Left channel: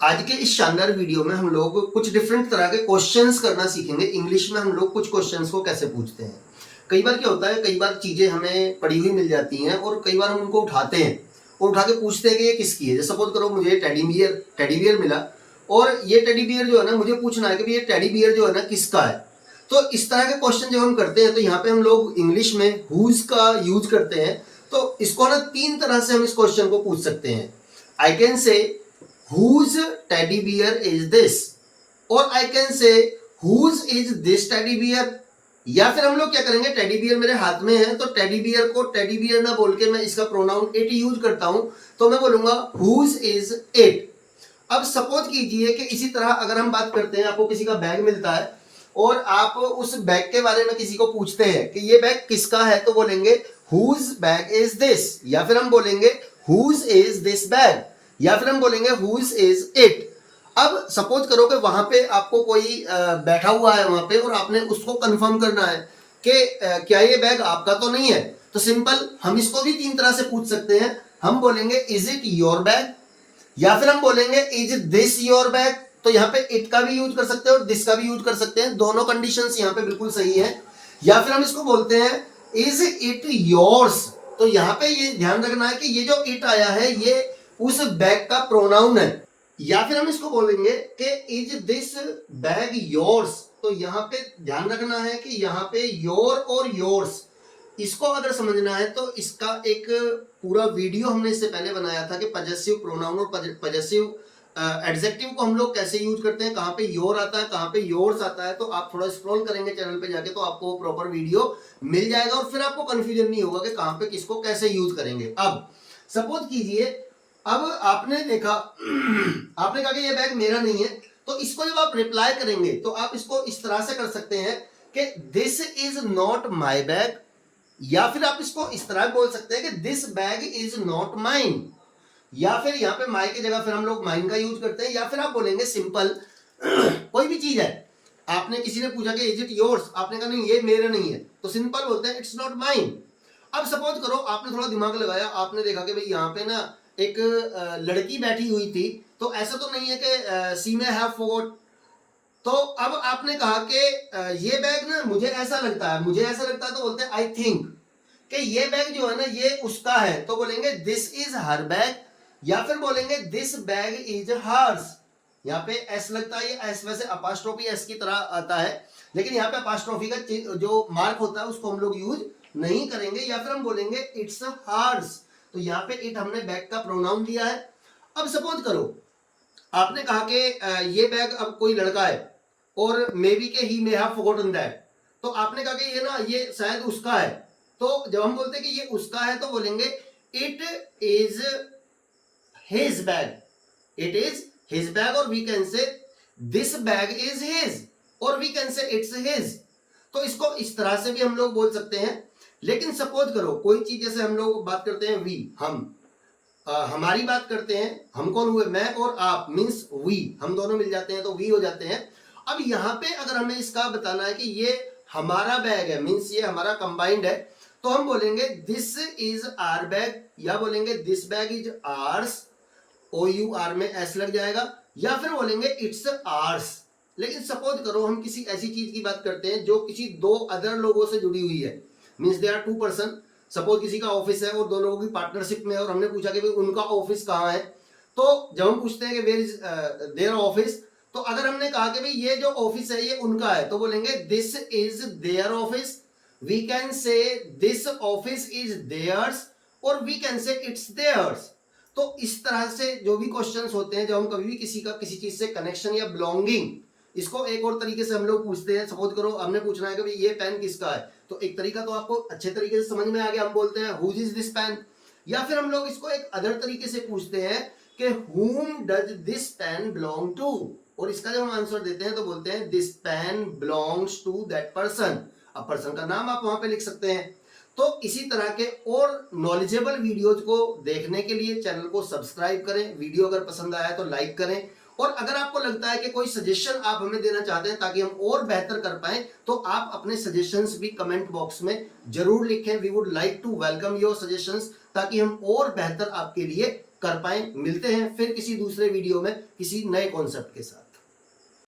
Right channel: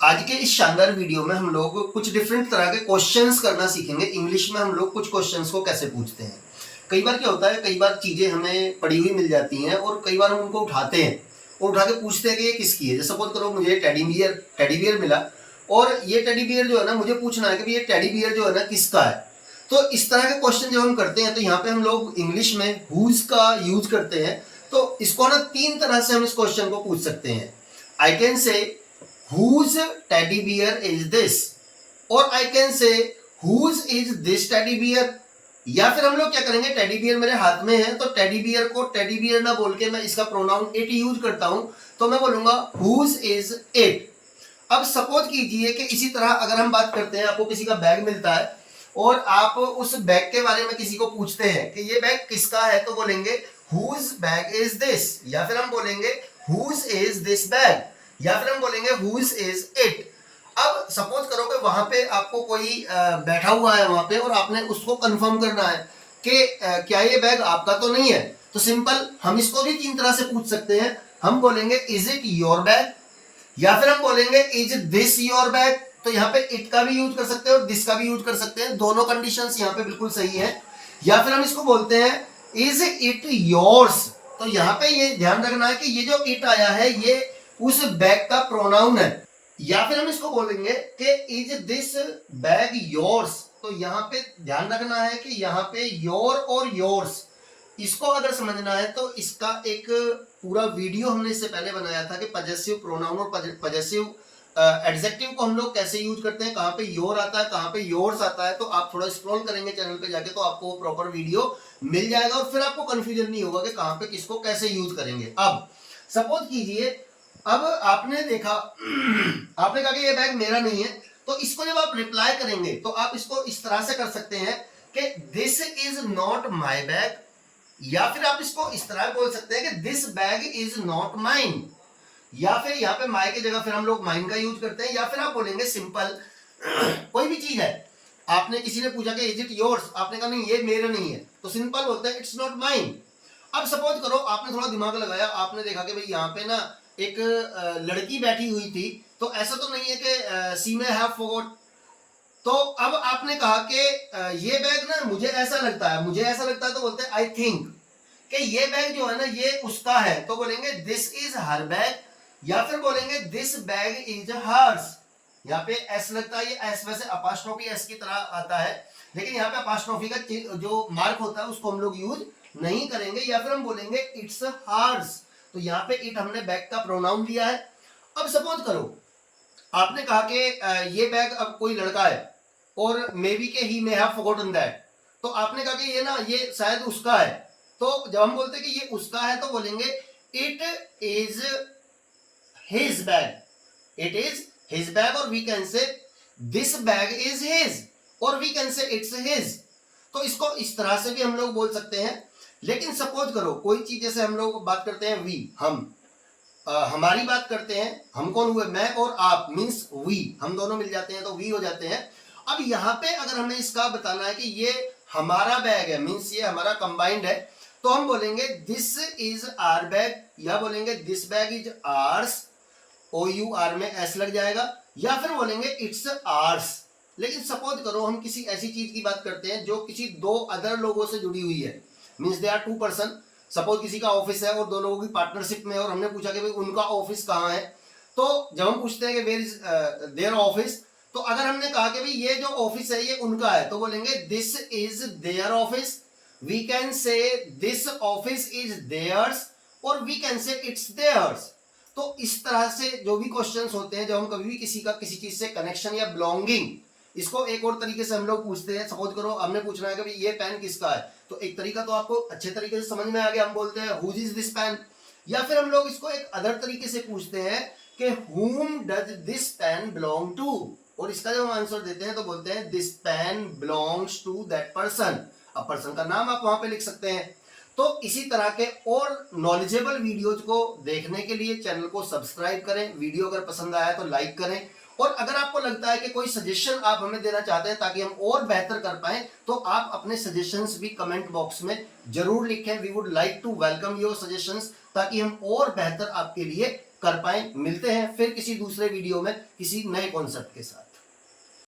आज के इस शानदार वीडियो में हम लोग कुछ डिफरेंट तरह के क्वेश्चंस करना सीखेंगे। इंग्लिश में हम लोग कुछ क्वेश्चंस को कैसे पूछते हैं। कई बार क्या होता है, कई बार चीज़ें हमें पड़ी हुई मिल जाती हैं और कई बार हम उनको उठाते हैं और उठा के पूछते हैं कि ये किसकी है। जैसे सपोज करो मुझे टेडी बियर मिला और ये टेडी बियर जो है ना, मुझे पूछना है कि ये टेडी बियर जो है ना किसका है। तो इस तरह के क्वेश्चन जब हम करते हैं तो यहाँ पे हम लोग इंग्लिश में हुज का यूज करते हैं। तो इसको ना तीन तरह से हम इस क्वेश्चन को पूछ सकते हैं। I can say whose teddy bear is this, और I can say whose is this teddy bear। या फिर हम लोग क्या करेंगे, टेडी बियर मेरे हाथ में है तो टेडी बियर को टेडी बियर ना बोल के मैं इसका प्रोनाउन इट यूज करता हूं, तो मैं बोलूंगा whose is it। अब सपोज कीजिए कि इसी तरह अगर हम बात करते हैं, आपको किसी का बैग मिलता है और आप उस बैग के बारे में किसी को पूछते हैं कि ये बैग किसका है, तो बोलेंगे whose bag is this, या फिर हम बोलेंगे whose is this bag, या फिर हम बोलेंगे whose is it। अब सपोज करो कि वहां पे आपको कोई बैठा हुआ है वहां पे और आपने उसको कंफर्म करना है कि क्या ये बैग आपका तो नहीं है। तो सिंपल हम इसको भी तीन तरह से पूछ सकते हैं। हम बोलेंगे इज इट योर बैग, या फिर हम बोलेंगे इज दिस योर बैग। तो यहाँ पे इट का भी यूज कर सकते हैं और दिस का भी यूज कर सकते हैं, दोनों कंडीशंस यहाँ पे बिल्कुल सही है। या फिर हम इसको बोलते हैं इज इट योर्स। तो यहाँ पे ये ध्यान रखना है कि ये जो इट आया है ये उस बैग का प्रोनाउन है। या फिर हम इसको बोलेंगे कि इज दिस बैग योर्स। तो यहाँ पे ध्यान रखना है कि यहाँ पे योर और योर्स, इसको अगर समझना है तो इसका एक पूरा वीडियो हमने इससे पहले बनाया था कि पजेसिव प्रोनाउन और पजेसिव एडजेक्टिव को हम लोग कैसे यूज करते हैं, कहाँ पे योर आता है, कहाँ पे योर्स आता है। तो आप थोड़ा स्क्रॉल करेंगे चैनल पे जाके तो आपको प्रॉपर वीडियो मिल जाएगा और फिर आपको कंफ्यूजन नहीं होगा कि कहाँ पे किसको कैसे यूज करेंगे। अब सपोज कीजिए, अब आपने देखा आपने कहा कि ये बैग मेरा नहीं है, तो इसको जब आप रिप्लाई करेंगे तो आप इसको इस तरह से कर सकते हैं कि this is not my bag, या फिर आप इसको इस तरह बोल सकते हैं कि this bag is not mine, या फिर यहाँ पे माई की जगह फिर हम लोग माइन का यूज करते हैं। या फिर आप बोलेंगे सिंपल कोई भी चीज है, आपने किसी ने पूछा कि इज इट योर्स, आपने कहा नहीं ये मेरा नहीं है, तो सिंपल बोलते हैं इट्स नॉट माइन। अब सपोज करो आपने थोड़ा दिमाग लगाया, आपने देखा कि भाई यहाँ पे ना एक लड़की बैठी हुई थी, तो ऐसा तो नहीं है कि सी मे हैव फॉरगॉट। तो अब आपने कहा कि ये बैग ना मुझे ऐसा लगता है, तो बोलते हैं आई थिंक कि ये बैग जो है ना ये उसका है, तो बोलेंगे दिस इज हर बैग, या फिर बोलेंगे दिस बैग इज हर्स। यहाँ पे एस लगता है, ये एस वैसे अपास्ट्रोफी एस की तरह आता है, लेकिन यहाँ पे अपास्ट्रोफी का जो मार्क होता है उसको हम लोग यूज नहीं करेंगे। या फिर हम बोलेंगे इट्स हर्स, तो यहाँ पे इट हमने बैग का प्रोनाउन लिया है। अब सपोज करो आपने कहा कि ये बैग अब कोई लड़का है और मे बी के ही मे हैव फॉरगॉटन दैट, तो आपने कहा कि ये ना ये शायद उसका है। तो जब हम बोलते हैं कि ये उसका है तो बोलेंगे it is his bag, it is his bag, और we can say this bag is his, और we can say it's his. तो इसको इस तरह से भी हम लोग बोल सकते हैं। लेकिन सपोज करो कोई चीज, जैसे हम लोग बात करते हैं वी, हम हमारी बात करते हैं, हम कौन हुए, मैं और आप, मीन्स वी, हम दोनों मिल जाते हैं तो वी हो जाते हैं। अब यहाँ पे अगर हमें इसका बताना है कि ये हमारा बैग है, मीन्स ये हमारा कंबाइंड है, तो हम बोलेंगे दिस इज आर बैग, या बोलेंगे this bag is ours, O U R में एस लग जाएगा, या फिर बोलेंगे इट्स आर्स। लेकिन सपोज करो हम किसी ऐसी चीज की बात करते हैं जो किसी दो अदर लोगों से जुड़ी हुई है, means they are two person. Suppose किसी का ऑफिस है और दो लोगों की पार्टनरशिप में, और हमने पूछा कि भाई उनका ऑफिस कहाँ है। तो जब हम पूछते हैं कि वेयर इज देयर ऑफिस, तो अगर हमने कहा कि भाई ये जो ऑफिस है ये उनका है, तो बोलेंगे this is their office, we can say this office is theirs, और we can say it's theirs. तो इस तरह से जो भी क्वेश्चंस होते हैं, जब हम कभी भी किसी का किसी चीज से कनेक्शन या बिलोंगिंग, इसको एक और तरीके से हम लोग पूछते हैं। सपोज करो हमने पूछना है कि भाई ये पेन किसका है, तो एक तरीका तो आपको अच्छे तरीके से समझ में आ गया, हम बोलते हैं हुज इज दिस पेन। या फिर हम लोग इसको एक अदर तरीके से पूछते हैं कि whom does this pen belong to, और इसका जब हम आंसर देते हैं तो बोलते हैं this pen belongs to that person। अब पर्सन का नाम आप वहां पे लिख सकते हैं। तो इसी तरह के और नॉलेजेबल वीडियोज को देखने के लिए चैनल को सब्सक्राइब करें, वीडियो अगर पसंद आया तो लाइक करें, और अगर आपको लगता है कि कोई सजेशन आप हमें देना चाहते हैं ताकि हम और बेहतर कर पाएं, तो आप अपने सजेशंस भी कमेंट बॉक्स में जरूर लिखें। We would like to welcome your suggestions, ताकि हम और बेहतर आपके लिए कर पाएं। मिलते हैं फिर किसी दूसरे वीडियो में किसी नए कॉन्सेप्ट के साथ।